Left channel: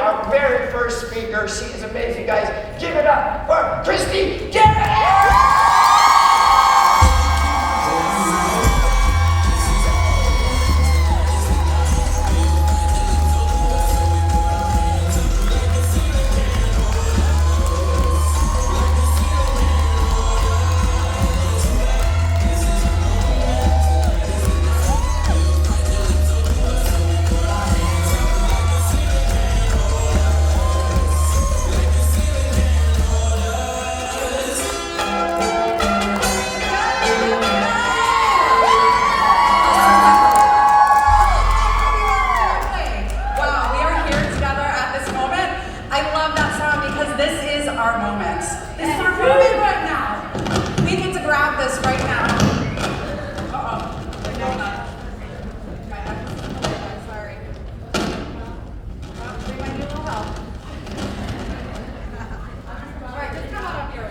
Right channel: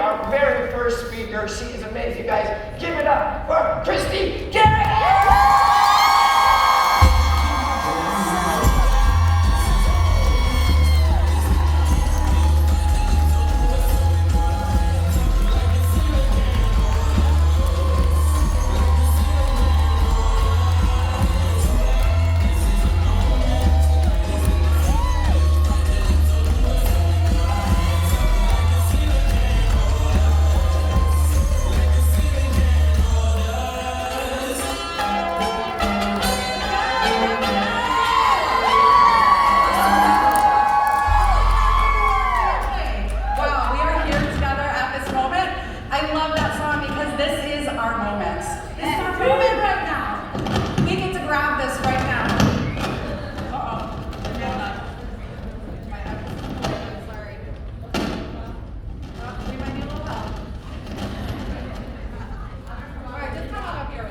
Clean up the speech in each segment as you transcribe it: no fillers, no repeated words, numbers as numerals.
our very first speaker. She is amazing, guys. Give it up for Kristie Geraghty! Our moment. This is our moment right now. We get to grab this right now. Uh-oh. They're going up. I'm sorry. We might need a little help. Alright, just come on up here.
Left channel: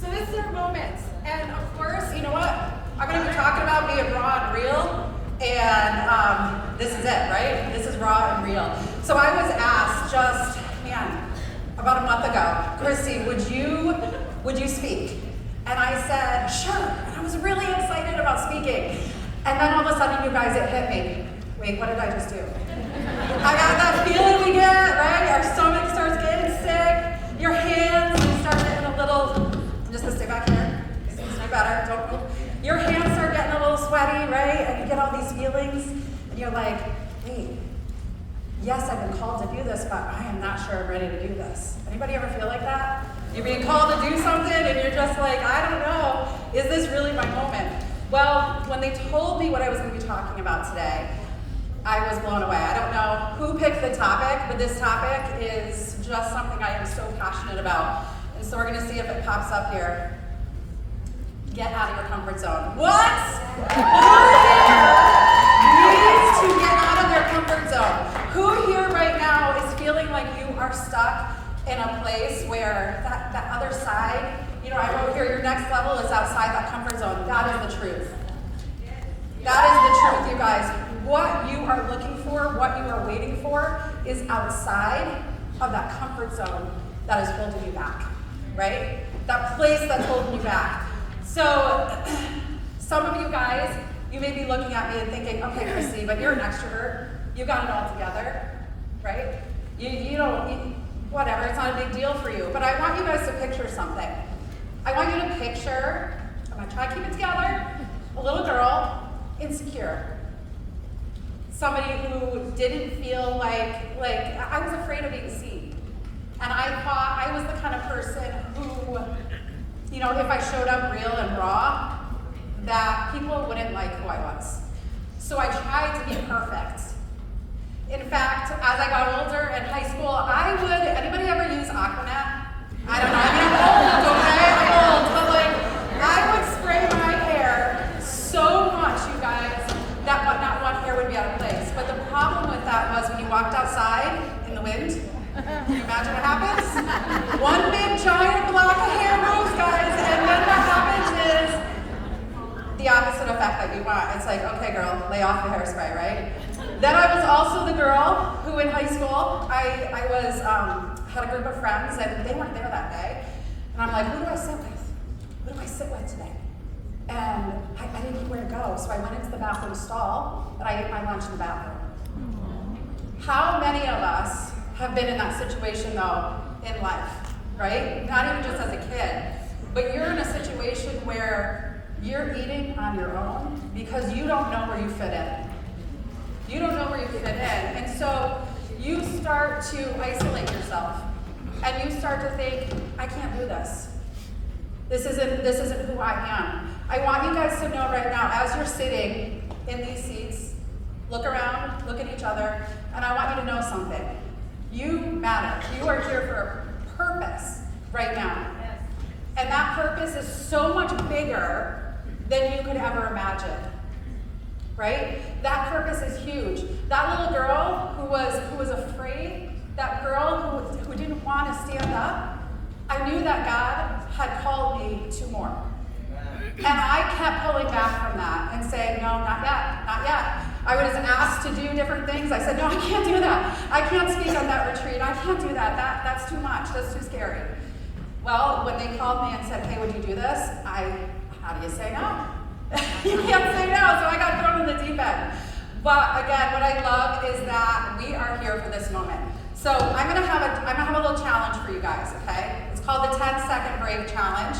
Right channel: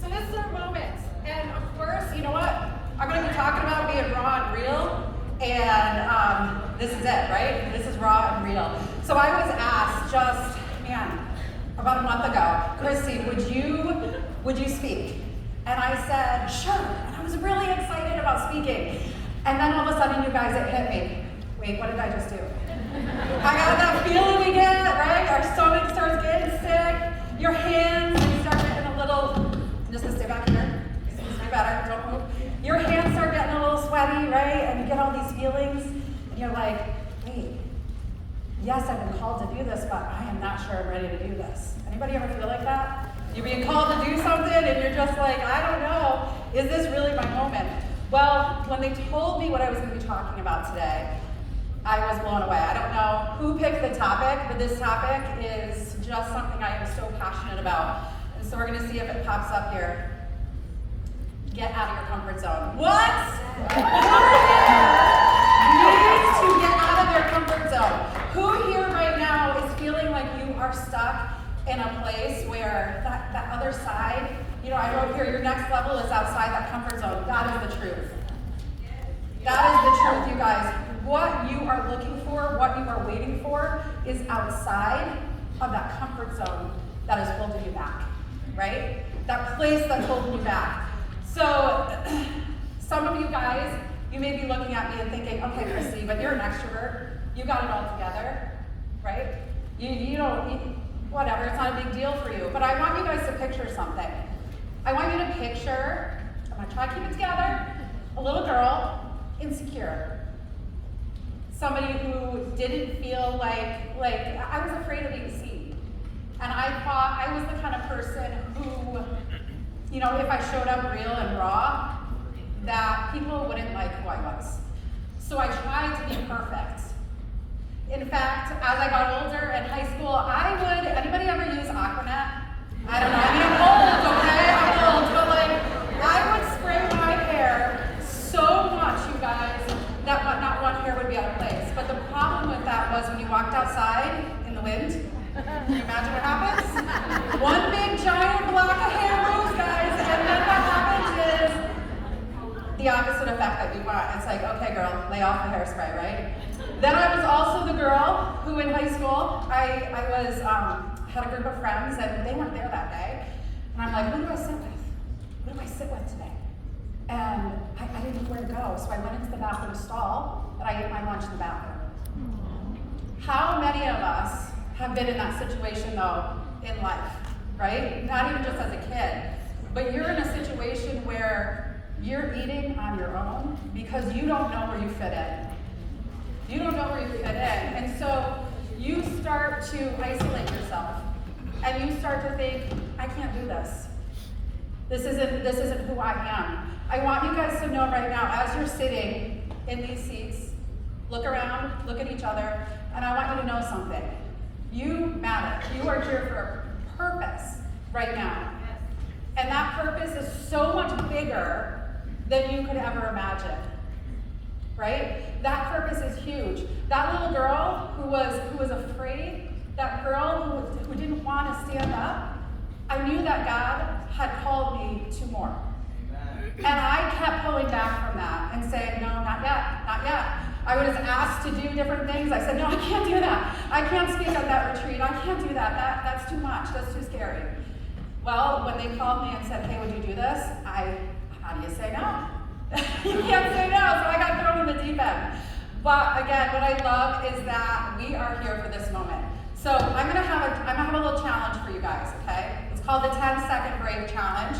So this is our moment. And of course, you know what? I'm going to be talking about being raw and real. And this is it, right? This is raw and real. So I was asked about a month ago, Kristie, would you speak? And I said, sure. And I was really excited about speaking. And then all of a sudden, you guys, it hit me. Wait, what did I just do? I got that feeling we get, right? Our stomach starts getting sick. Your hands start getting a little, I'm just gonna stay back here. It seems to be better, don't move. Your hands start getting a little sweaty, right? And you get all these feelings. And you're like, wait. Yes, I've been called to do this, but I am not sure I'm ready to do this. Anybody ever feel like that? You're being called to do something and you're just like, I don't know, is this really my moment? Well, when they told me what I was going to be talking about today, I was blown away. I don't know who picked the topic, but this topic is just something I am so passionate about. And so we're going to see if it pops up here. Get out of your comfort zone. What? Needs to get out of their comfort zone. Who here right now is feeling like you are stuck in a place where that other side, I wrote here, your next level is outside that comfort zone. That is the truth. That is the truth, you guys. What you are looking for, what you are waiting for is outside of that comfort zone that is holding you back, right? That place that's holding you back. So some of you guys, you may be looking at me and thinking, okay, Kristie, but you're an extrovert. You got it all together, right? You don't, whatever, it's not a big deal for you. But I want you guys to picture something. I want you to picture, I'm gonna try to keep it together, a little girl, insecure. Somebody who didn't feel like I was afraid of being seen. And I thought I was the kind of person who, if I showed up real and raw, that people wouldn't like who I was. So I tried to be perfect. In fact, as I got older in high school, anybody ever use Aquanet? I don't know, I'm old, okay? I'm old, but I would spray my hair so much, you guys, that not one hair would be out of place. But the problem with that was when you walked outside in the wind, can you imagine what happens? One big giant block of hair moves, guys, and then what happens is the opposite effect that you want. It's like, okay, girl, lay off the hairspray, right? Then I was also the girl who in high school, I had a group of friends and they weren't there that day. And I'm like, who do I sit with? Who do I sit with today? And I didn't know where to go. So I went into the bathroom stall and I ate my lunch in the bathroom. How many of us have been in that situation though in life, right? Not even just as a kid, but you're in a situation where you're eating on your own because you don't know where you fit in. You don't know where you fit in. And so you start to isolate yourself. And you start to think, I can't do this. This isn't who I am. I want you guys to know right now, as you're sitting in these seats, look around, look at each other, and I want you to know something. You matter. You are here for a purpose right now. And that purpose is so much bigger than you could ever imagine. Right? That purpose is huge. That little girl who was afraid, that girl who didn't want to stand up, I knew that God had called me to more. And I kept pulling back from that and saying, no, not yet, not yet. I was asked to do different things. I said, no, I can't do that. I can't speak at that retreat. I can't do that. That's too much. That's too scary. Well, when they called me and said, hey, would you do this? How do you say no? You can't say no, so I got thrown in the deep end. But again, what I love is that we are here for this moment. So I'm gonna have a little challenge for you guys, okay? It's called the 10-second brave challenge.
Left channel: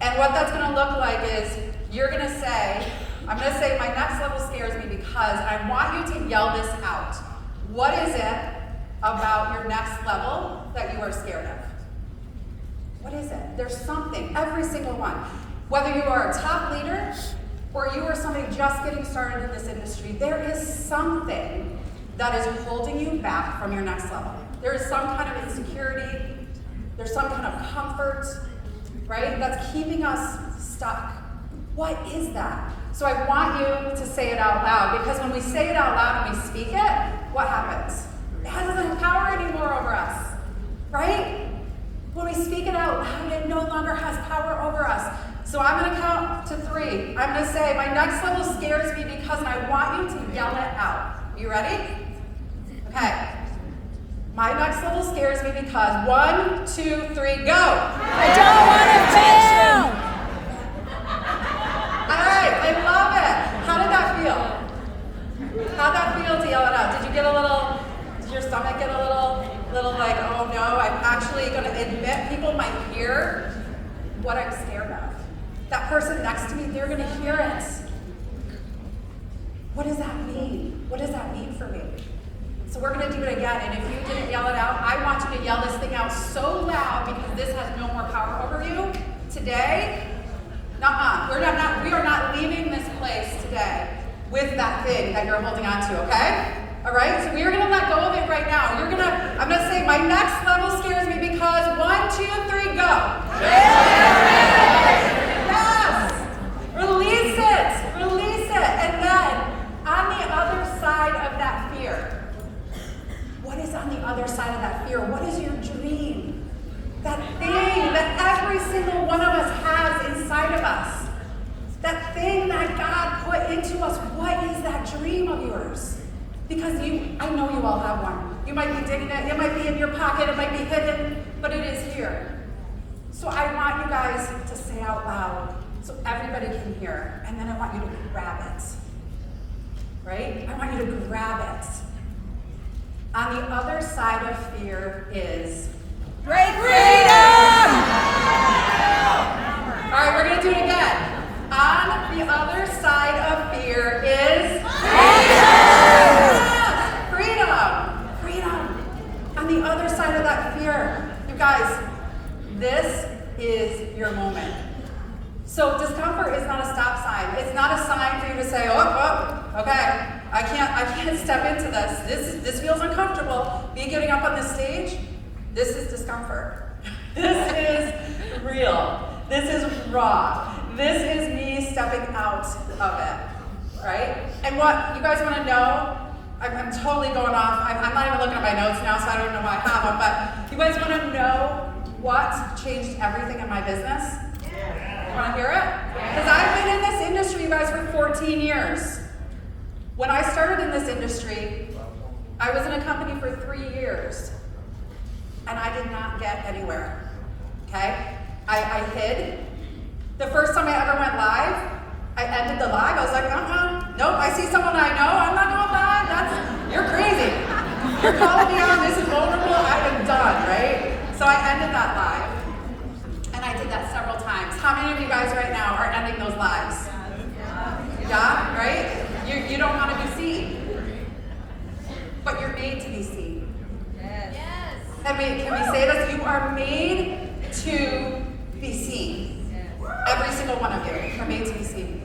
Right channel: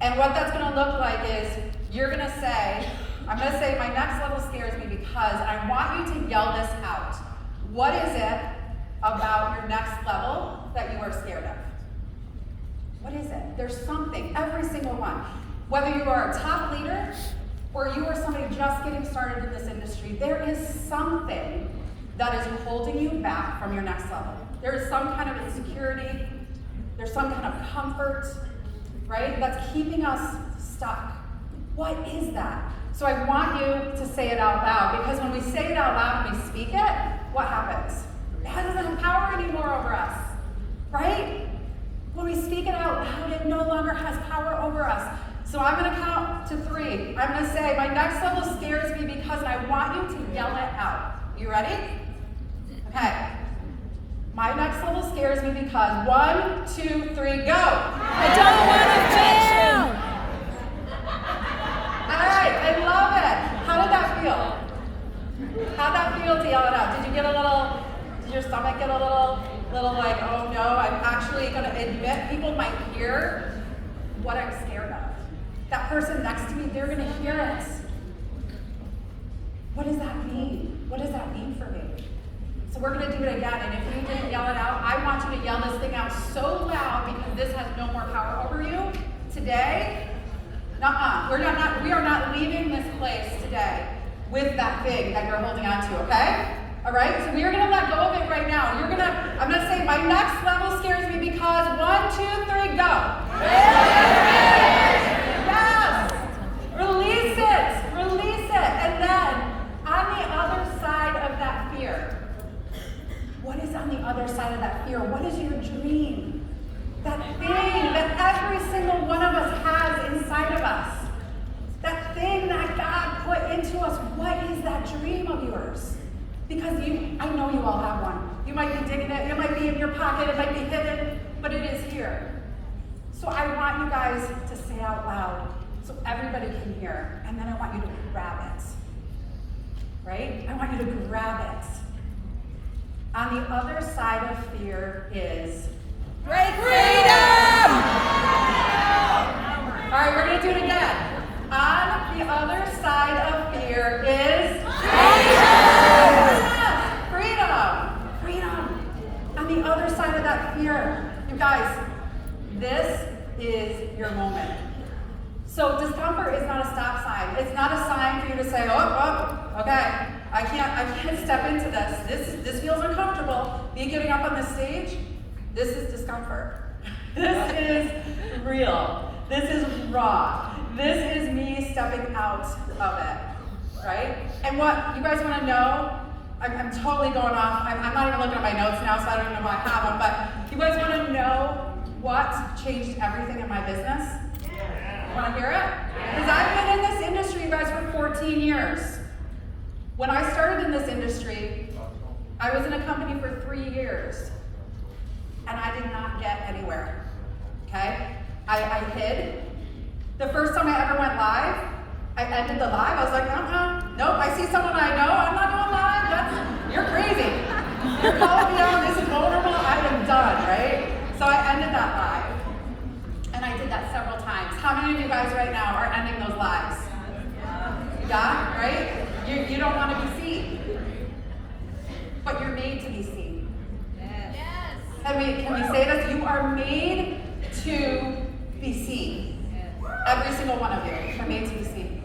And what that's gonna look like is you're gonna say, I'm gonna say my next level scares me because I want you to yell this out. What is it about your next level that you are scared of? What is it? There's something, every single one. Whether you are a top leader or you are somebody just getting started in this industry, there is something that is holding you back from your next level. There is some kind of insecurity, there's some kind of comfort, right? That's keeping us stuck. What is that? So I want you to say it out loud, because when we say it out loud and we speak it, what happens? It doesn't have power anymore over us, right? When we speak it out loud, it no longer has power over us. So I'm gonna count to 3. I'm gonna say, my next level scares me because, and I want you to yell it out. You ready? Okay. My next level scares me because 1, 2, 3, go. I don't want to fail. All right, I love it. How did that feel? How'd that feel to yell it out? Did your stomach get a little like, oh no, I'm actually gonna admit people might hear what I'm scared of. That person next to me, they're gonna hear it. What does that mean? What does that mean for me? So we're gonna do it again, and if you didn't yell it out, I want you to yell this thing out so loud because this has no more power over you. Today, we are not leaving this place today with that thing that you're holding on to, okay? All right, so we are gonna let go of it right now. I'm gonna say, my next level scares me because 1, 2, 3, go. Yes, release it. And then on the other side of that fear, what is on the other side of that fear? What is your dream? That thing that every single one of us has inside of us. That thing that God put into us, what is that dream of yours? Because I know you all have one. You might be digging it, it might be in your pocket, it might be hidden, but it is here. So I want you guys to say out loud so everybody can hear, and then I want you to grab it, right? I want you to grab it. On the other side of fear is Great freedom! All right, we're gonna do it again. On the other side of fear is yes, freedom. On the other side of that fear, you guys, this is your moment. So discomfort is not a stop sign. It's not a sign for you to say, oh, okay, I can't step into this. This feels uncomfortable. Me getting up on this stage, this is discomfort. This is real. This is raw. This is me stepping out of it, right? And what you guys want to know, I'm totally going off. I'm not even looking at my notes now, so I don't even know why I have them, but you guys want to know what changed everything in my business? You want to hear it? Because I've been in this industry, you guys, for 14 years. When I started in this industry, I was in a company for 3 years, and I did not get anywhere, okay? I hid. The first time I ever went live, I ended the live. I was like, nope, I see someone I know, I'm not going live, you're crazy. You're calling me out, this is vulnerable, I am done, right? So I ended that live, and I did that several times. How many of you guys right now are ending those lives? Yeah, right? You don't want to be seen, but you're made to be seen. Yes. Can we say this? You are made to be seen. Every single one of you are made to be seen.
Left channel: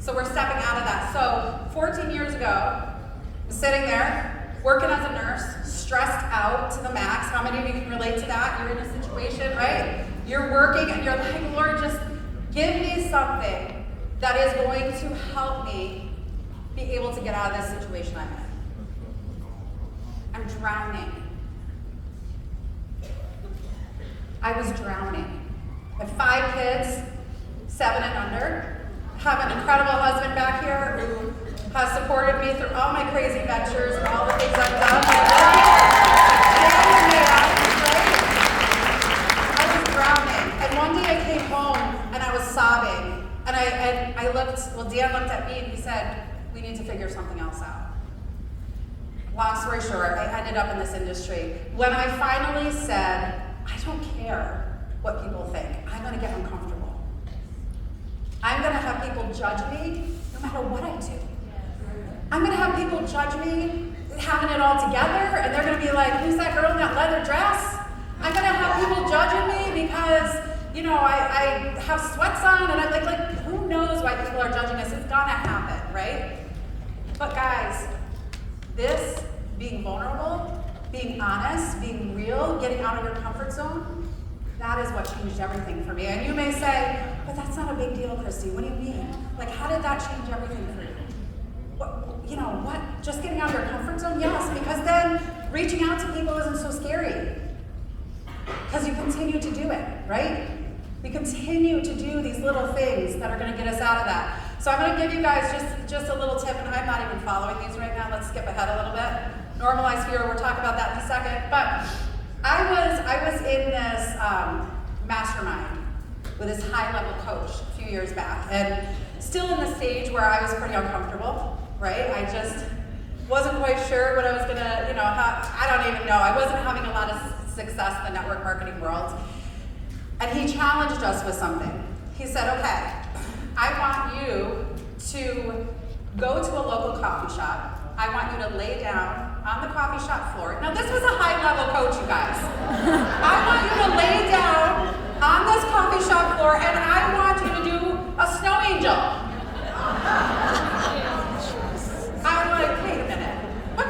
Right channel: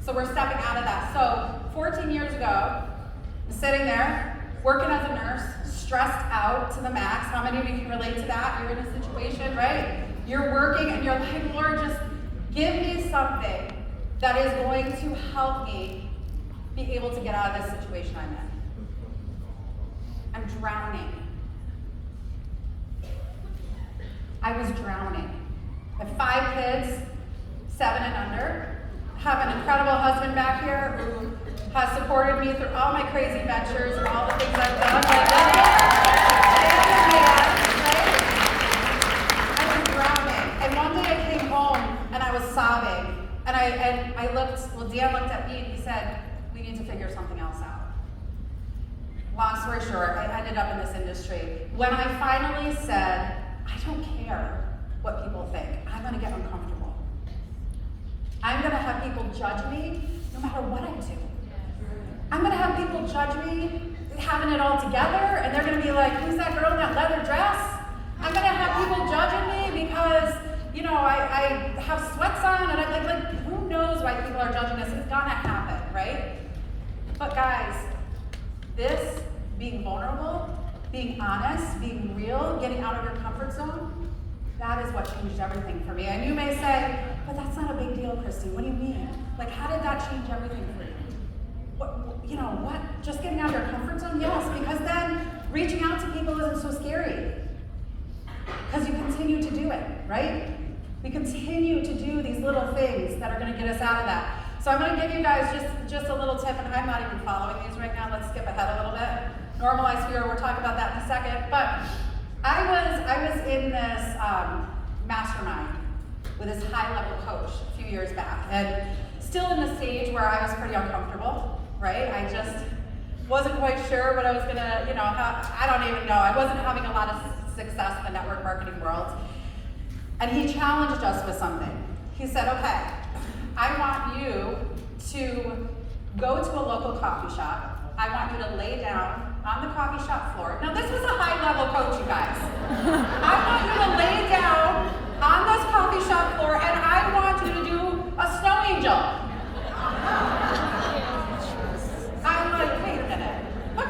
So we're stepping out of that. So 14 years ago, I'm sitting there, working as a nurse, stressed out to the max. How many of you can relate to that? You're in a situation, right? You're working and you're like, Lord, just give me something that is going to help me be able to get out of this situation I'm in. I'm drowning. I was drowning. I have 5 kids, 7 and under. have an incredible husband back here who has supported me through all my crazy ventures and all the things I've done. Like, Dan, man, right? I was drowning. And one day I came home and I was sobbing. And I looked, well, Dan looked at me and he said, we need to figure something else out. Long story short, I ended up in this industry. When I finally said, I don't care what people think, I'm gonna get uncomfortable. I'm gonna have people judge me no matter what I do. I'm gonna have people judge me having it all together, and they're gonna be like, who's that girl in that leather dress? I'm gonna have people judging me because, you know, I have sweats on, and I'm like, who knows why people are judging us? It's gonna happen, right? But guys, this, being vulnerable, being honest, being real, getting out of your comfort zone, that is what changed everything for me. And you may say, but that's not a big deal, Kristie. What do you mean? Like, how did that change everything for you? What? Just getting out of your comfort zone? Yes, because then reaching out to people isn't so scary. Because you continue to do it, right? We continue to do these little things that are going to get us out of that. So I'm going to give you guys just a little tip, and I'm not even following these right now. Let's skip ahead a little bit. Normalize fear, we'll talk about that in a second. But I was in this mastermind with this high-level coach a few years back, and still in the stage where I was pretty uncomfortable, right? I just wasn't quite sure what I was gonna, I don't even know. I wasn't having a lot of success in the network marketing world. And he challenged us with something. He said, okay, I want you to go to a local coffee shop. I want you to lay down on the coffee shop floor. Now this was a high-level coach, you guys. I want you to lay down on this coffee shop floor, and I want you to do a snow angel. I'm like, wait a minute. What?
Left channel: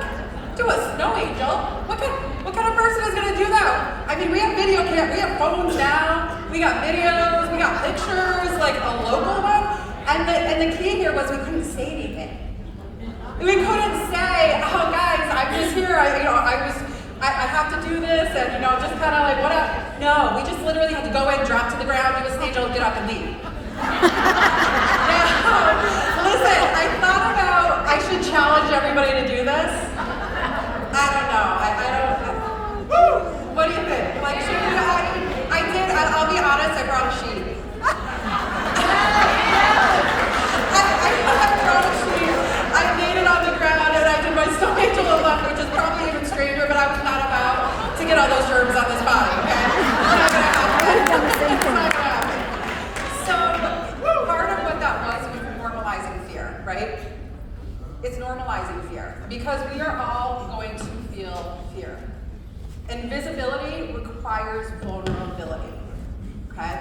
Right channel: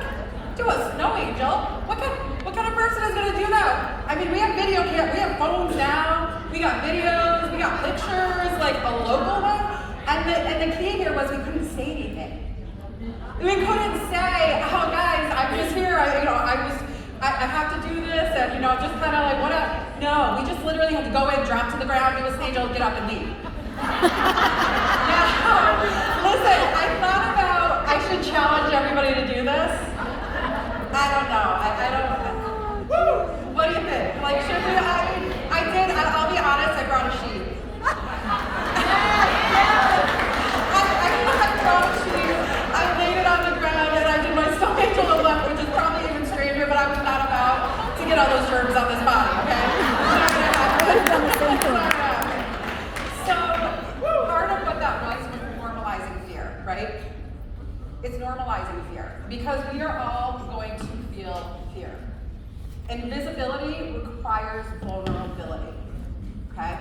Do a snow angel? What kind of person is going to do that? I mean, we have video cam, we have phones now, we got videos, we got pictures, like a local one. And the key here was we couldn't say anything. We couldn't say, oh guys, I'm just here, I have to do this, and just kind of like, what up? No, we just literally had to go in, drop to the ground, do a stage, get up and leave. Now, listen, I thought about, I should challenge everybody to do this. I don't know, woo! What do you think? Like, should we, I'll be honest, I brought a sheet. I brought a sheet, I laid it on the ground, and I did my snow angel on the left, which is probably even stranger, but I was not about to get all those germs on this body, okay? It's not gonna happen. It's not gonna happen. So, part of what that was normalizing fear, right? It's normalizing fear, because we are all going to feel fear. And visibility requires vulnerability, okay?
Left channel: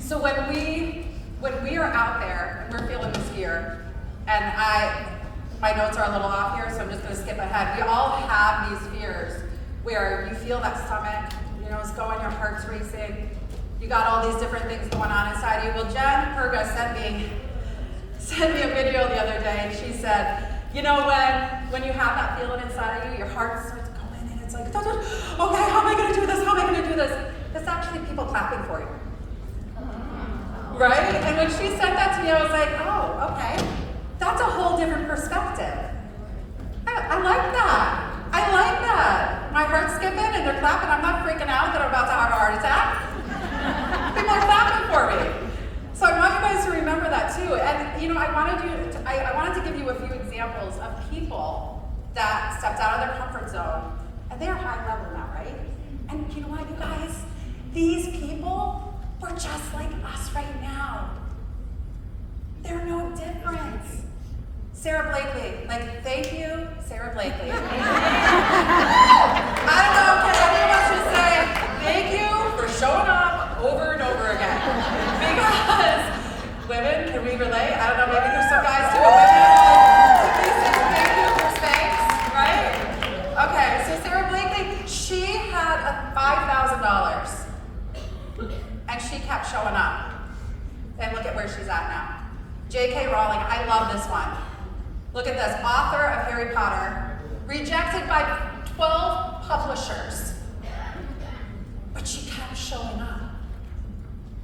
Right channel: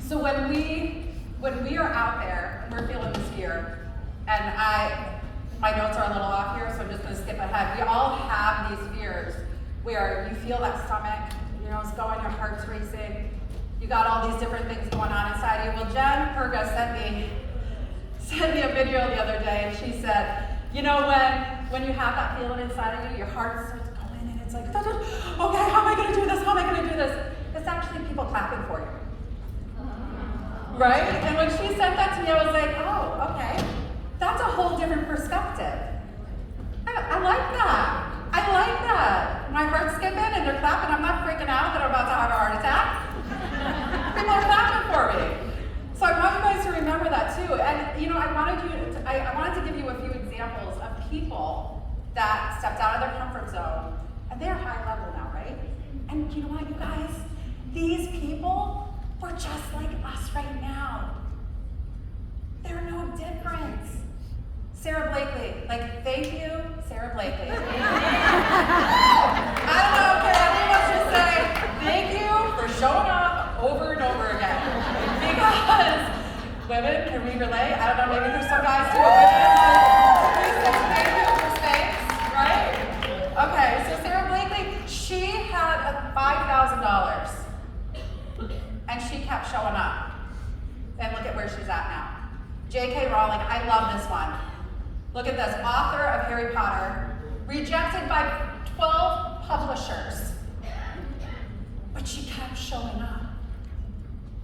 So when we are out there and we're feeling this fear, and my notes are a little off here, so I'm just gonna skip ahead. We all have these fears where you feel that stomach, it's going, your heart's racing, you got all these different things going on inside you. Well, Jen Perga sent me a video the other day, and she said, when you have that feeling inside of you, your heart starts going, and it's like, okay, how am I gonna do this? How am I gonna do this? It's actually people clapping for you. Right? And when she said that to me, I was like, oh, okay. That's a whole different perspective. I like that. I like that. My heart's skipping and they're clapping. I'm not freaking out that I'm about to have a heart attack. People are clapping for me. So I want you guys to remember that too. And I wanted to give you a few examples of people that stepped out of their comfort zone, and they're high level now, right? And you know what, you guys? These people were just like us right now. They're no different. Sarah Blakely, thank you, Sarah Blakely. I don't know, can any of us just say, thank you for showing up over and over again? Because women, can we relate? I don't know, maybe there's some guys too, but women, can we say thank you for Spanx, right? Okay, so Sarah Blakely, she had $5,000. And she kept showing up. And look at where she's at now. J.K. Rowling, I love this one. Look at this, author of Harry Potter, rejected by 12 publishers. But she kept showing up.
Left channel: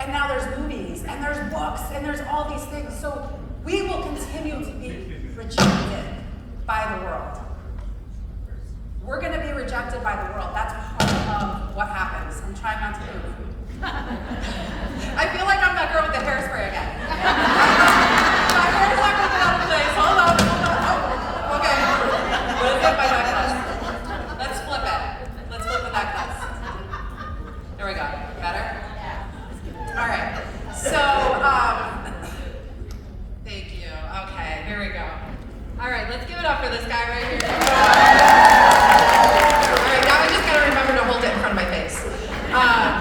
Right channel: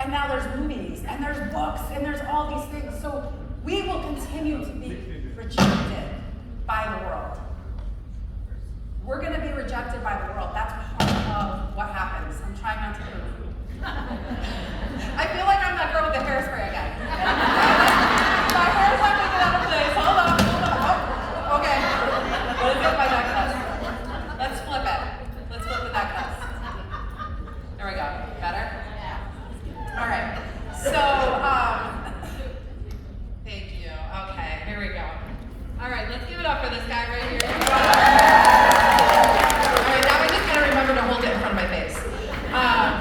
And now there's movies, and there's books, and there's all these things. So we will continue to be rejected by the world. We're going to be rejected by the world. That's part of what happens. I'm trying not to move. I feel like I'm that girl with the hairspray again. My hair's not going to get out of place. Hold on. Oh, okay. What is it? My necklace. Let's flip it. Let's flip the necklace. There we go. Better? All right. So, thank you. Okay, here we go. All right, let's give it up for this guy right here. All right, now I just gotta remember to hold it in front of my face.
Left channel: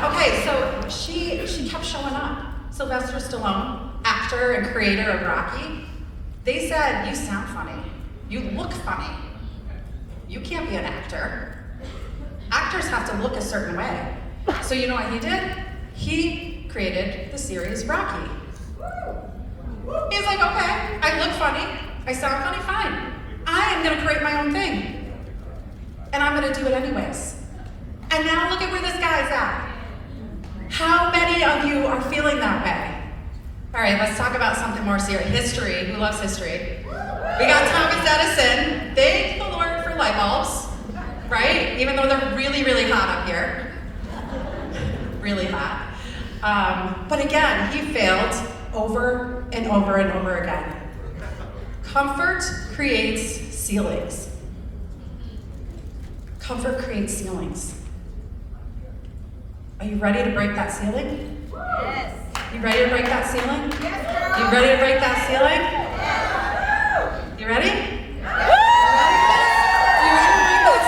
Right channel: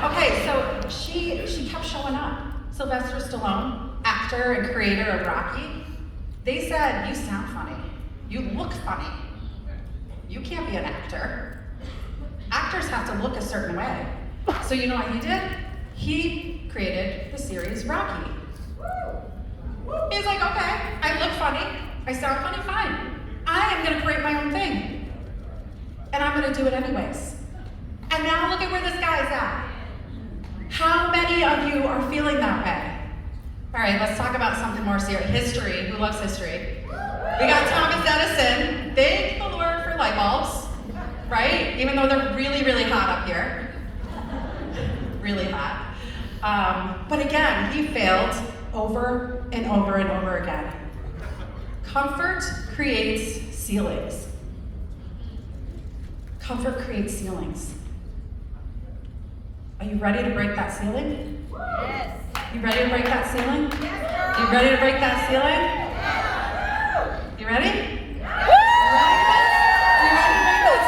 Okay, so she kept showing up. Sylvester Stallone, actor and creator of Rocky, they said, you sound funny. You look funny. You can't be an actor. Actors have to look a certain way. So you know what he did? He created the series Rocky. He's like, okay, I look funny, I sound funny, fine. I am gonna create my own thing. And I'm gonna do it anyways. And now look at where this guy's at. How many of you are feeling that way? All right, let's talk about something more serious. History, who loves history? We got Thomas Edison. Thank the Lord for light bulbs, right? Even though they're really, really hot up here. Really hot. But again, he failed over and over and over again. Comfort creates ceilings. Comfort creates ceilings. Are you ready to break that ceiling? Yes. You ready to break that ceiling? Yes. You ready to break that ceiling? Yes. You ready? Yes. You ready to break that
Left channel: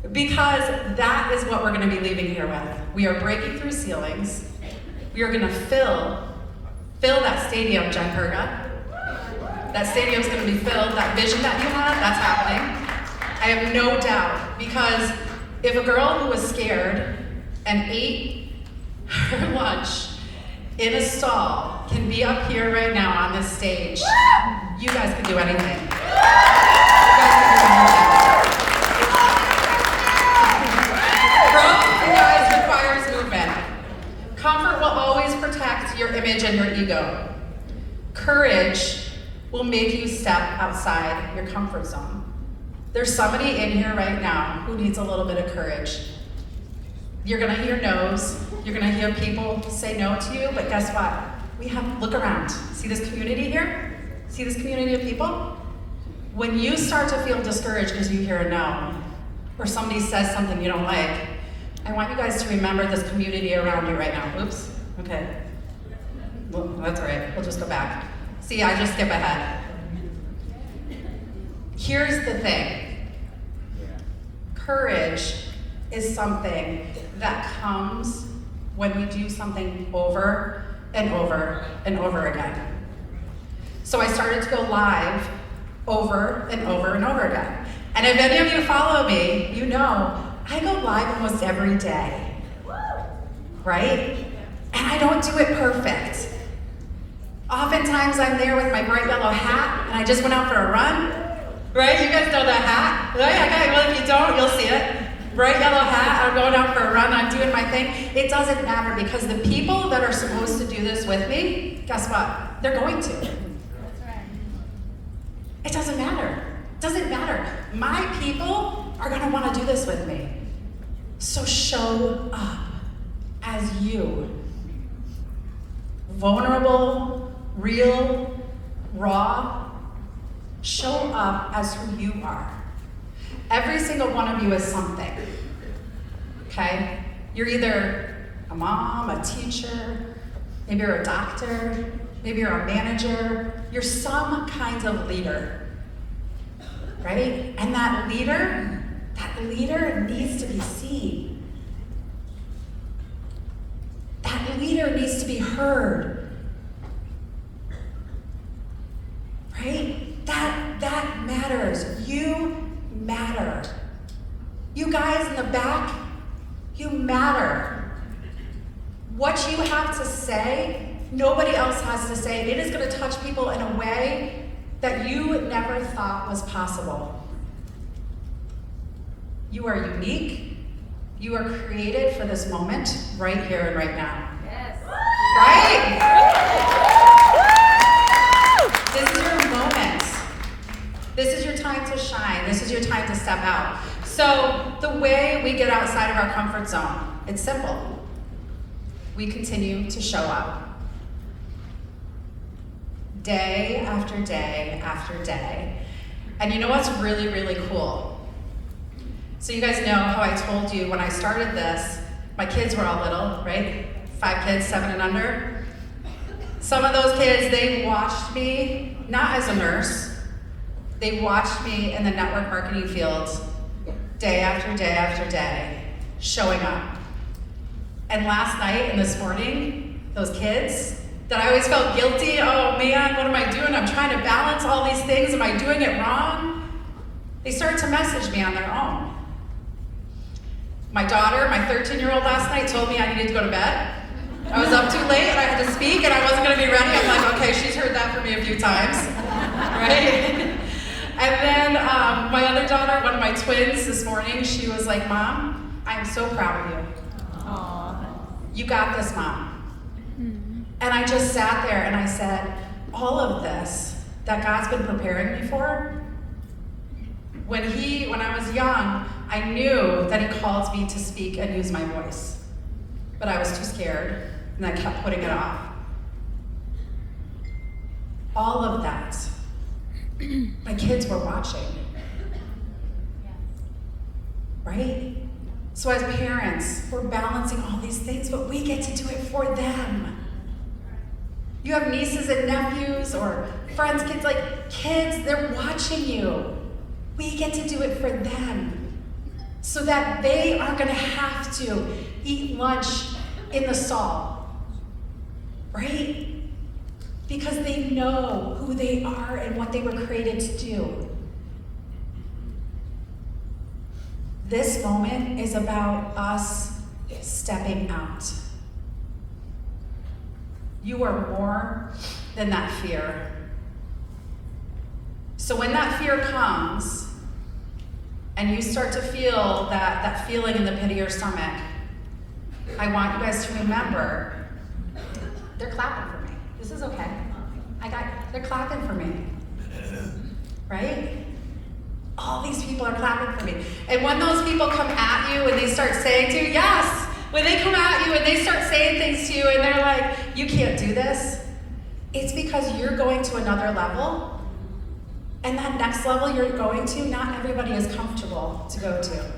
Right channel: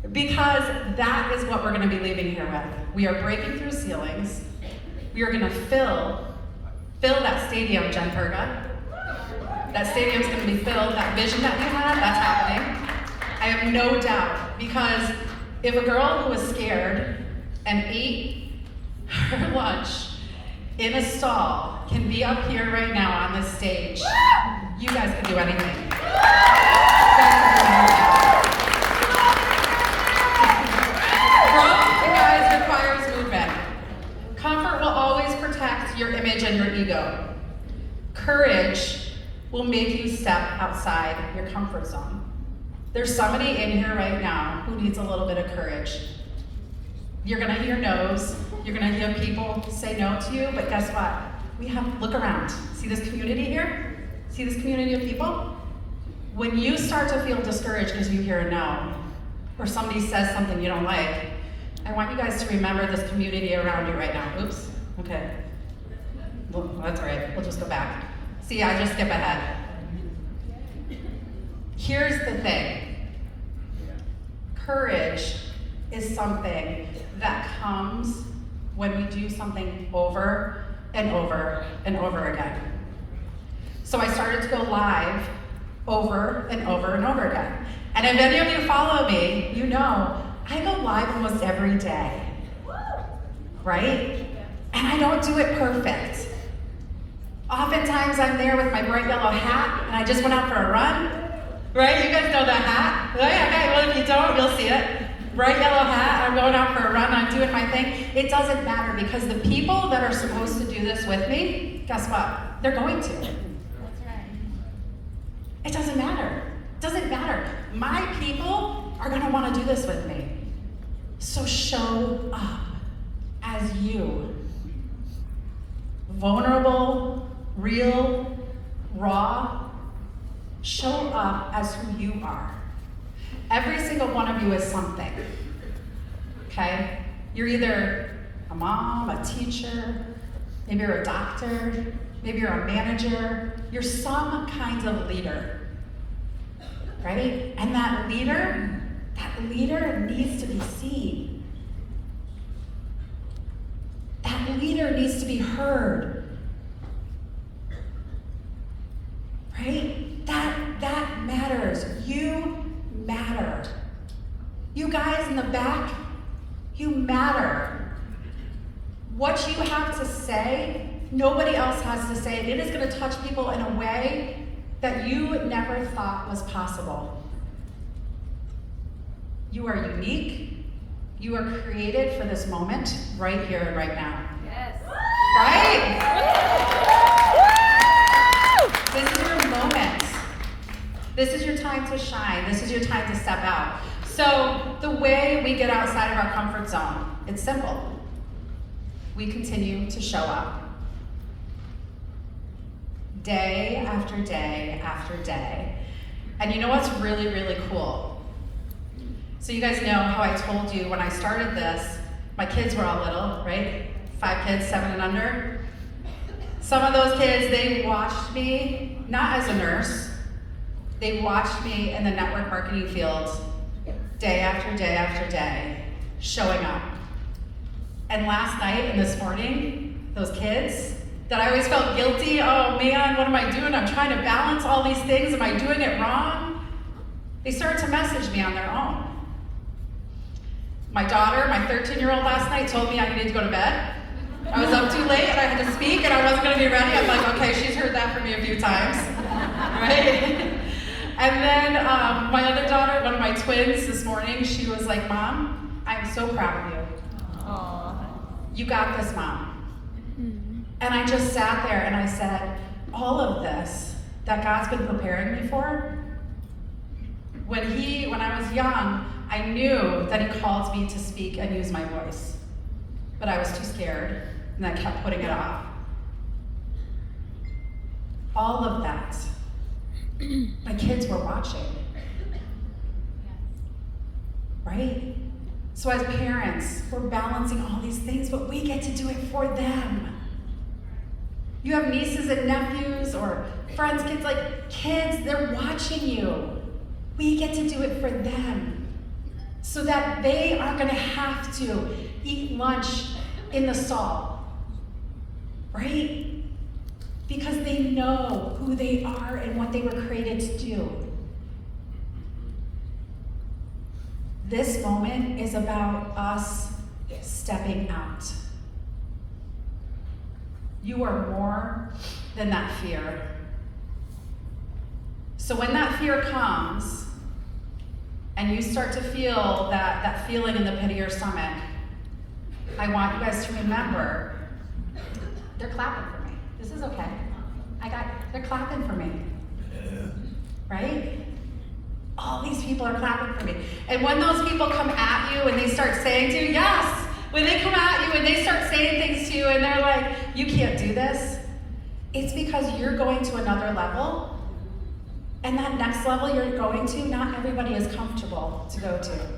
ceiling? Because that is what we're going to be leaving here with. We are breaking through ceilings. We are going to fill that stadium, Jen Perga. That stadium's going to be filled. That vision that you had, that's happening. I have no doubt, because if a girl who was scared and ate her lunch in a stall can be up here right now on this stage, you guys can do anything. You guys can do anything. Growth, you guys, requires movement. Comfort will always protect your image and your ego. Courage will make you step outside your comfort zone. There's somebody in here right now who needs a little bit of courage. You're gonna hear no's, you're gonna hear people say no to you, but guess what? Look around. See this community here? See this community of people? When you start to feel discouraged because you hear a no, or somebody says something you don't like, I want you guys to remember this community around you right now. Oops, okay. Well, that's all right, we'll just go back. See, I just skip ahead. Here's the thing. Courage is something that comes when we do something over and over and over again. So I started to go live over and over and over again. And if any of you follow me, you know I go live almost every day, right? And I don't do it perfect. Oftentimes I'm there with my bright yellow hat and I just went out for a run, right? You guys know that hat, right? Okay, well if you don't, you'll see it. Bright yellow hat, I'm going out for a run, I'm doing my thing. It doesn't matter, because the people that are supposed to do this with me, guess what? They're going to. That's right. It doesn't matter. It doesn't matter. My people are gonna wanna do this with me. So show up as you. Vulnerable, real, raw. Show up as who you are. Every single one of you is something, okay? You're either a mom, a teacher, maybe you're a doctor, maybe you're a manager, you're some kind of leader, right? And that leader needs to be seen. That leader needs to be heard, right? That matters. You matter. You guys in the back, you matter. What you have to say, nobody else has to say. It is going to touch people in a way that you never thought was possible. You are unique. You are created for this moment, right here and right now. Yes. Right? This is your moment. This is your time to shine. This is your time to step out. So the way we get outside of our comfort zone, it's simple. We continue to show up. Day after day after day. And you know what's really, really cool? So you guys know how I told you when I started this, my kids were all little, right? 5 kids, 7 and under. Some of those kids, they watched me, not as a nurse, they watched me in the network marketing field day after day after day, showing up. And last night and this morning, those kids that I always felt guilty, oh man, what am I doing? I'm trying to balance all these things, am I doing it wrong? They started to message me on their own. My daughter, my 13-year-old last night told me I needed to go to bed. I was up too late and I had to speak and I wasn't gonna be ready. I'm like, okay, she's heard that from me a few times, right? And then my other daughter, one of my twins this morning, she was like, Mom, I'm so proud of you. Aww. You got this, Mom. And I just sat there and I said, all of this that God's been preparing me for, when I was young, I knew that He called me to speak and use my voice. But I was too scared and I kept putting it off. All of that, my kids were watching. Right? So as parents, we're balancing all these things, but we get to do it for them. You have nieces and nephews or friends, kids, like kids, they're watching you. We get to do it for them so that they aren't gonna have to eat lunch in the stall, right? Because they know who they are and what they were created to do. This moment is about us stepping out. You are more than that fear. So when that fear comes, and you start to feel that feeling in the pit of your stomach, I want you guys to remember, they're clapping for me. This is okay. They're clapping for me. Right? All these people are clapping for me. And when those people come at you and they start saying to you, yes, when they come at you and they start saying things to you and they're like, you can't do this, it's because you're going to another level. And that next level you're going to, not everybody is comfortable to go to.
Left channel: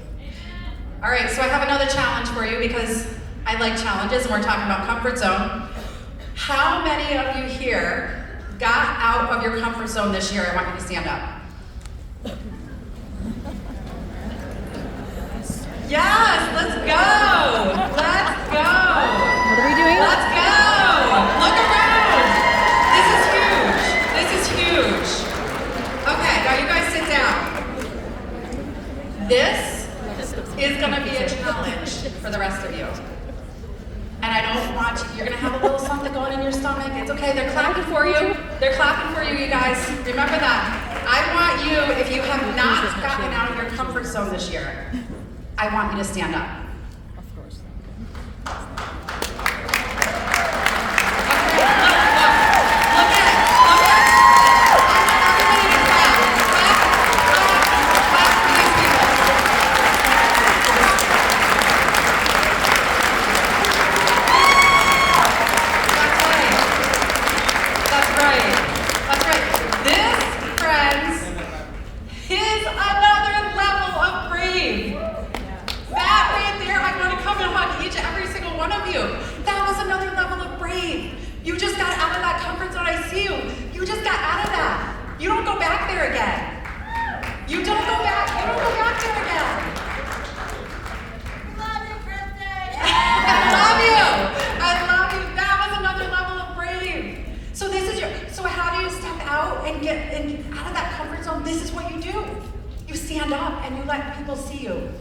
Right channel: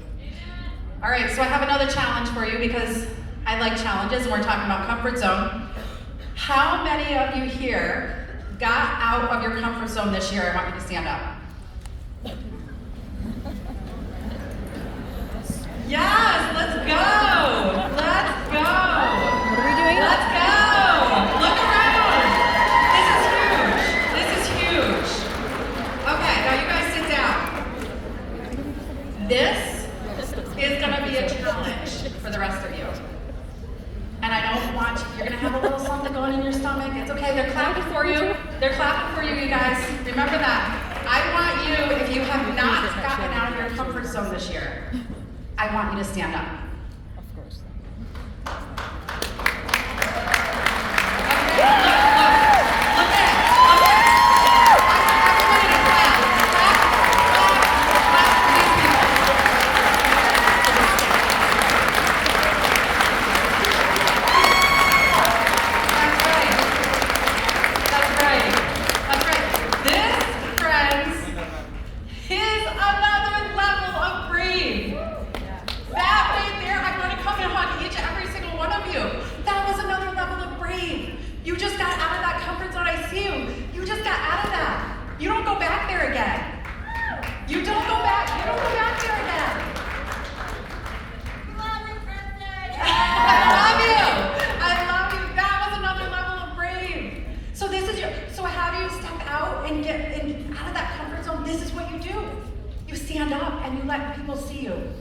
All right, so I have another challenge for you because I like challenges and we're talking about comfort zone. How many of you here got out of your comfort zone this year? I want you to stand up. Yes, let's go. Let's go. What are we doing? Let's go. Look around. This is huge. This is huge. Okay, now you guys sit down. This is gonna be a challenge for the rest of you. And I don't want you, you're gonna have a little something going in your stomach. It's okay, they're clapping for you. They're clapping for you, you guys. Remember that. I want you, if you have not gotten out of your comfort zone this year, I want you to stand up. Of course. Okay, look at. I want everybody to clap. Clap for these people. That's right. This, friends, is another level of brave. That right there, I want to come and hug each and every single one of you. That was another level of brave. You just got out of that comfort zone. I see you. You just got out of that. You don't go back there again. You don't go back there again. Love you, Kristie. I love you. That was another level of brave. So so how do you step out and get out of that comfort zone? This is what you do. You stand up and you let people see you.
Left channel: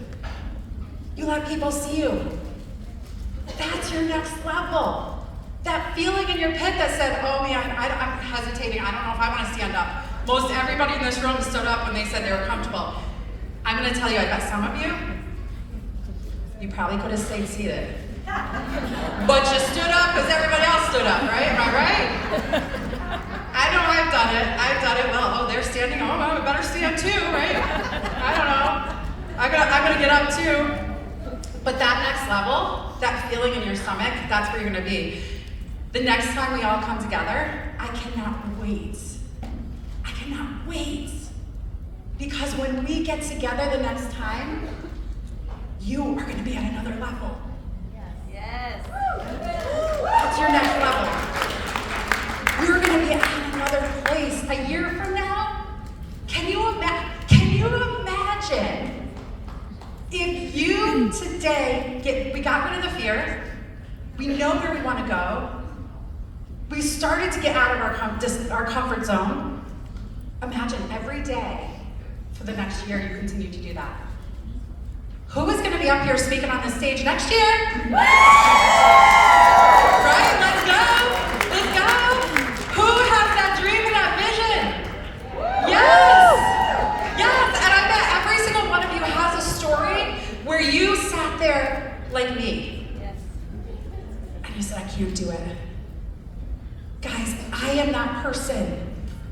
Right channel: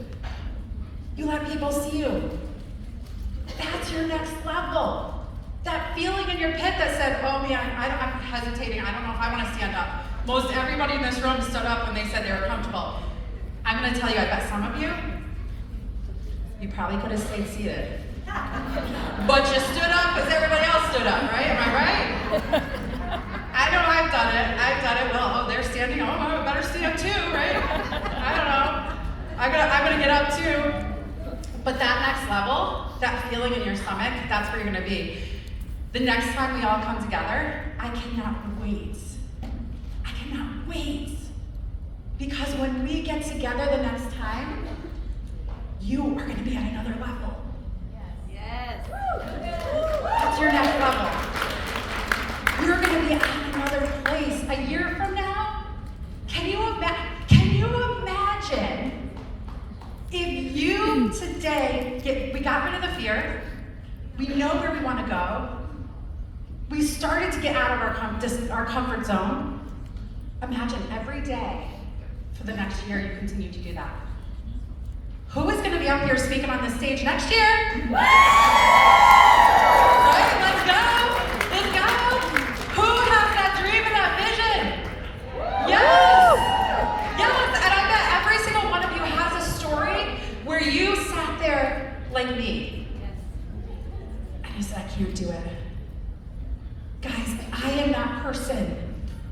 You let people see you. That's your next level. That feeling in your pit that said, oh man, I'm hesitating. I don't know if I want to stand up. Most everybody in this room stood up when they said they were comfortable. I'm going to tell you, I bet some of you, You probably could have stayed seated. But you stood up because everybody else stood up, right? Am I right? I know I've done it. I've done it. Well, oh, they're standing. Oh, I better stand too, right? I don't know. I'm gonna get up too. But that next level, that feeling in your stomach, that's where you're gonna be. The next time we all come together, I cannot wait. I cannot wait. Because when we get together the next time, you are gonna be at another level. Yes. That's your next level. You're gonna be at another place. A year from now, can you imagine if you today we got rid of the fear, we know where we want to go, we started to get out of our comfort zone. Imagine every day for the next year you continue to do that. Who is going to be up here speaking on this stage next year? Right? Let's go. Let's go. Who has that dream and that vision? Yes. Yes. And I bet every single one of you has a story where you sat there like me. Yes. And you said, I can't do it. Guys, I am that person.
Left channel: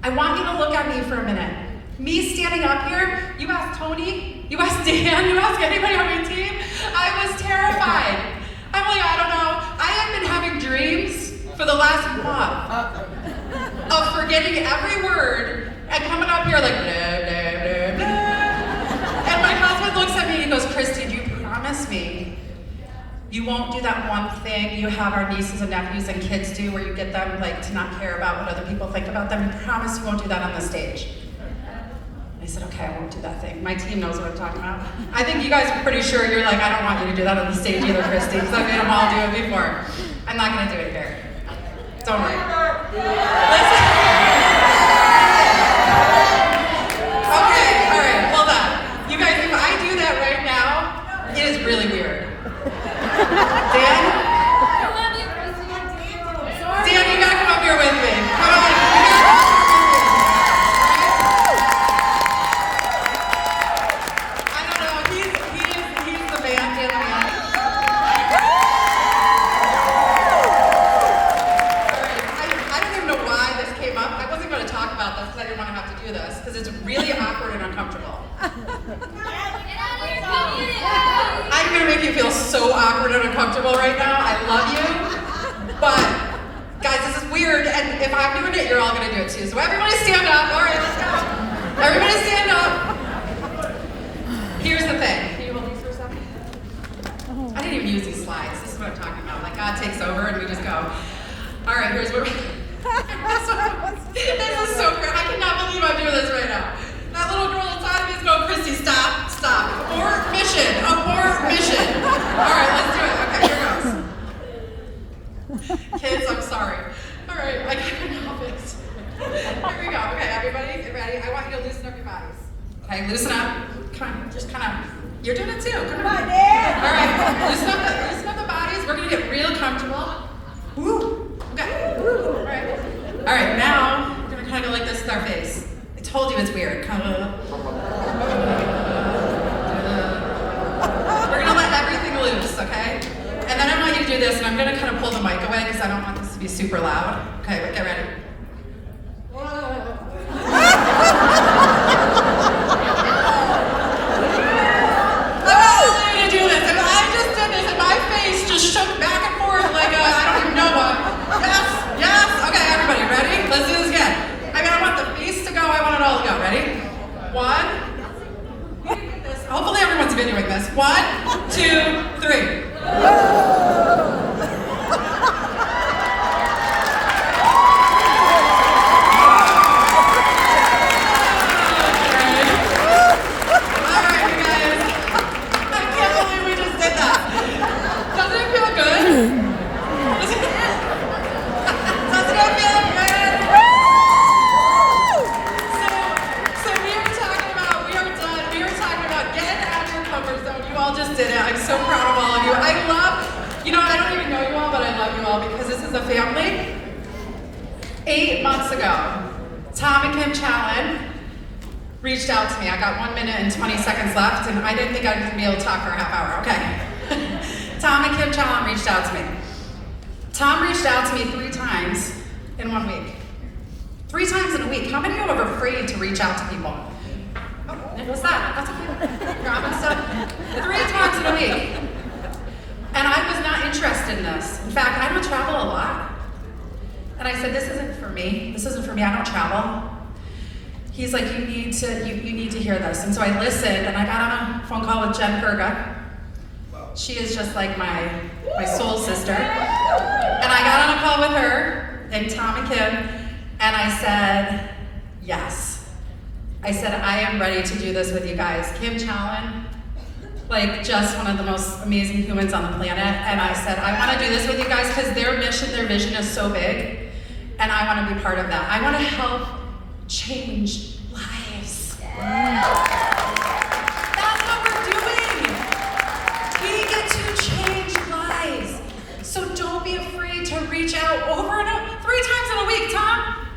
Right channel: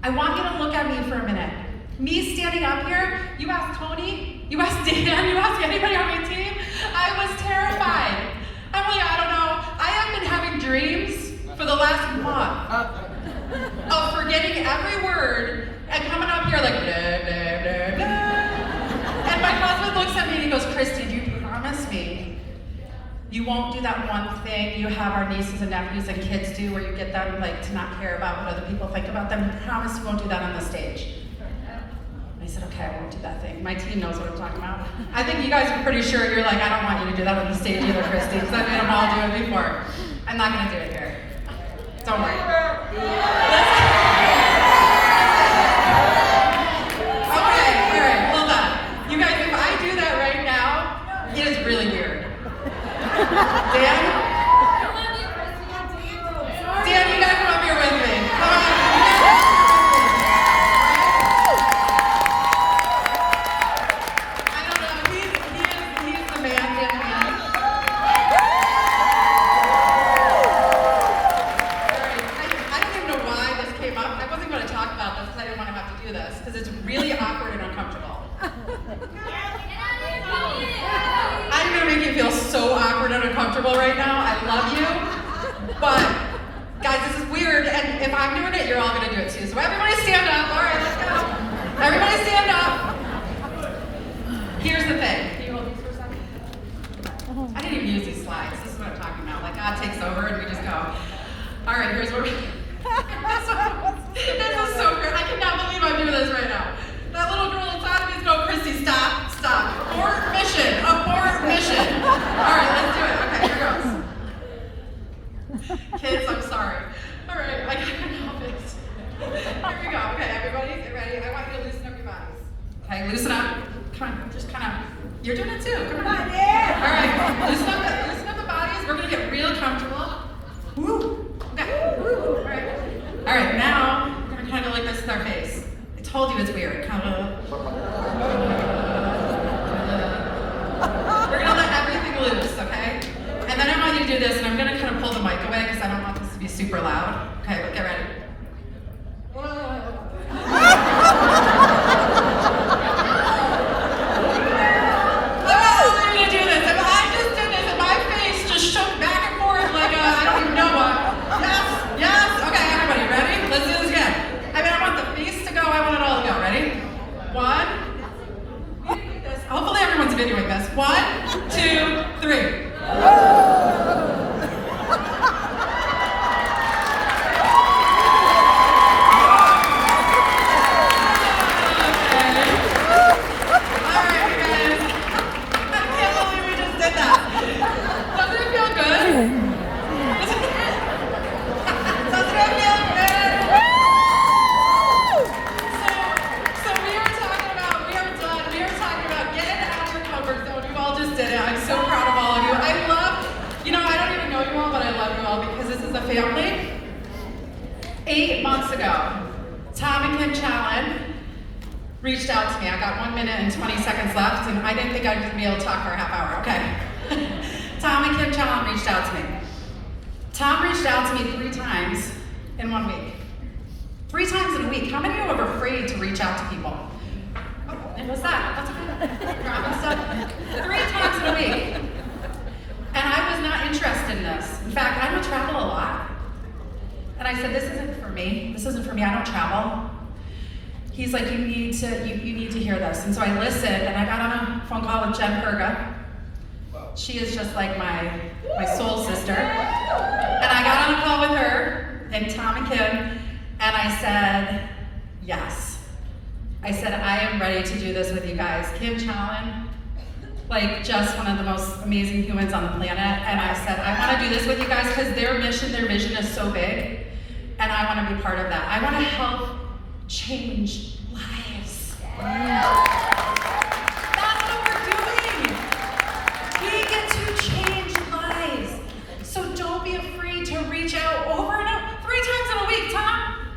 I want you to look at me for a minute. Me standing up here, you ask Tony, you ask Dan, you ask anybody on my team, I was terrified. I'm like, I don't know. I have been having dreams for the last month of forgetting every word and coming up here like, blah, blah, blah, blah. And my husband looks at me and he goes, Kristie, do you promise me you won't do that one thing you have our nieces and nephews and kids do where you get them like to not care about what other people think about them? You promise you won't do that on the stage? I said, okay, I won't do that thing. My team knows what I'm talking about. I think you guys are pretty sure you're like, I don't want you to do that on the stage either, Kristie, because I've made them all do it before. I'm not gonna do it here. Don't worry. Listen. Okay, all right, hold on. You guys, if I do that right now, it is really weird. Dan? I love you, Kristie. Dan, you gotta come up here with me. Come on, you gotta come up here with me. I don't know, he's the man, Dan the man. Alright, I don't even know why this came up. I wasn't gonna talk about this because I didn't want to have to do this, because it's really awkward and uncomfortable. I'm gonna make you feel so awkward and uncomfortable right now. I love you, but guys, this is weird, and if I'm doing it, you're all gonna do it too. So everybody stand up. All right, let's go. Everybody stand up. Here's the thing. Can you hold these for a second? I didn't even use these slides. This is what I'm talking about. Like God takes over and we just go. All right, here's what. This is so great. I cannot believe I'm doing this right now. That little girl inside of me is going, Kristie, stop, stop. Abort mission, abort mission. All right, let's do it. Okay, here goes. Kids, I'm sorry. All right, I couldn't help it. Here we go. Okay, everybody, get ready. I want you to loosen up your bodies. Okay, loosen up. Come on, just kind of. You're doing it too. Come on. All right, loosen up the bodies. We're gonna get real comfortable. Woo. Okay. All right. All right. Now we're gonna kind of go like this with our face. I told you it's weird. Kind of. We're gonna let everything loose, okay? And then I want you to do this, and I'm gonna kind of pull the mic away because I don't want this to be super loud. Okay, but get ready. I want you to do this. If I just did this, and my face just shook back and forth like I don't even know what. Yes, yes. Okay, everybody, ready? Let's do this again. I mean, I want the face to go. I want it all to go. Ready? 1. We didn't get this. Hopefully, everyone's videoing this. 1, 2, 3. Because this is a family. 8 months ago, Tom and Kim Challen reached out to me. I got 1 minute and 20 seconds left, and I didn't think I was gonna be able to talk for a half hour. Okay. Tom and Kim Challen reached out to me. Tom reached out to me 3 times in 1 week. 3 times in a week. How many of you are afraid to reach out to people? Oh, what's that? That's okay. Grabbing stuff. 3 times in a week. And I was not interested in this. In fact, I don't travel a lot. And I said, this isn't for me. This isn't for me. I don't travel. He's like, you need to hear this. And so I listened, and I got on a phone call with Jen Perga. She is just like my soul sister. And I got on a call with her and Tom and Kim, and I said, yes. I said, I am ready to do this with you guys. Kim Challen, like just one of the most amazing humans on the planet. And I said, I want to do this with you guys because their mission, their vision is so big, and I want to be part of that. I want to help change lives. That's what we're doing. We get to change lives. So don't be afraid to reach out over and over, 3 times in a week, Tom.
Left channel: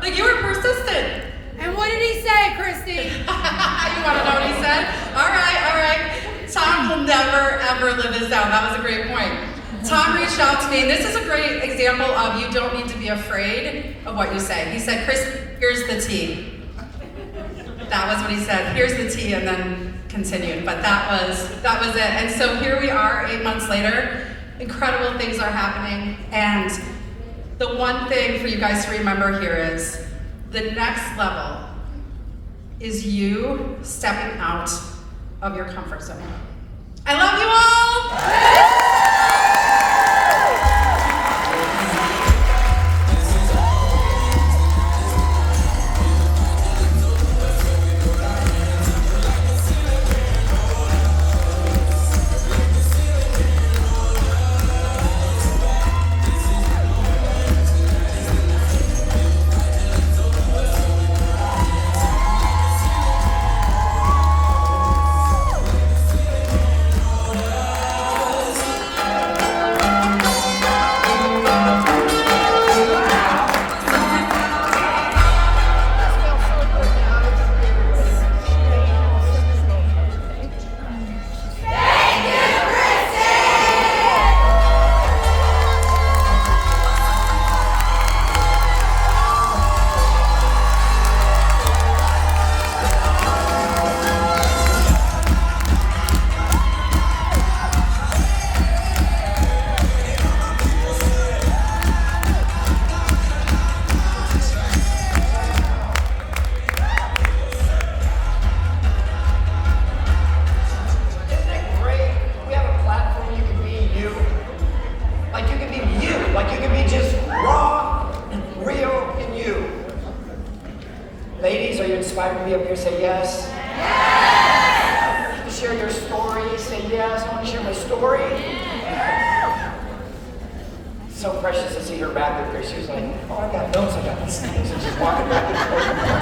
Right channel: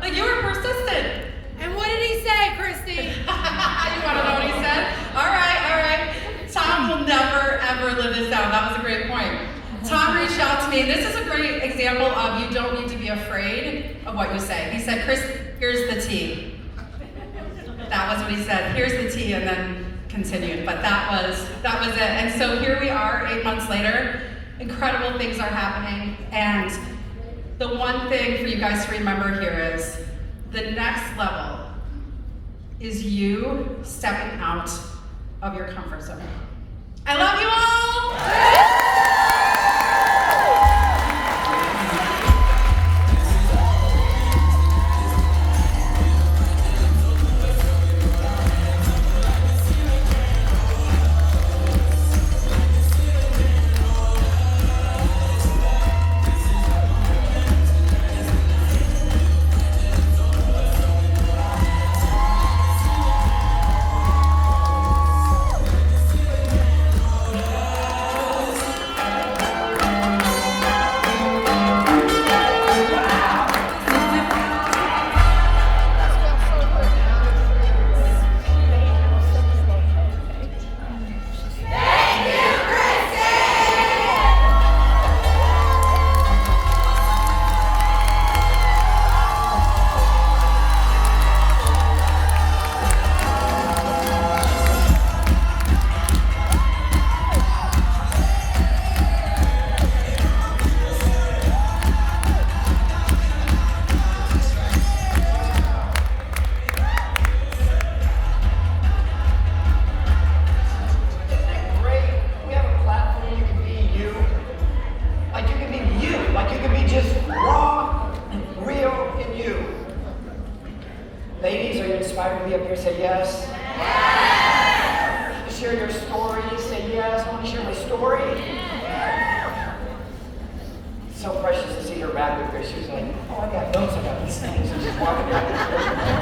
Like, you were persistent. And what did he say, Kristie? You want to know what he said? All right. Tom will never, ever live this down. That was a great point. Tom reached out to me. This is a great example of you don't need to be afraid of what you say. He said, Kristie, here's the tea. That was what he said. Here's the tea, and then continued. But that was it. And so here we are 8 months later. Incredible things are happening. And the one thing for you guys to remember here is the next level is you stepping out of your comfort zone. I love you all! Ladies, are you inspired to be up here? Say yes. Yes. To share your story, say yes. I want to share my story. Yes. So precious to see her back up there. She was like, oh, I got notes, I got these things, and she's walking back and forth.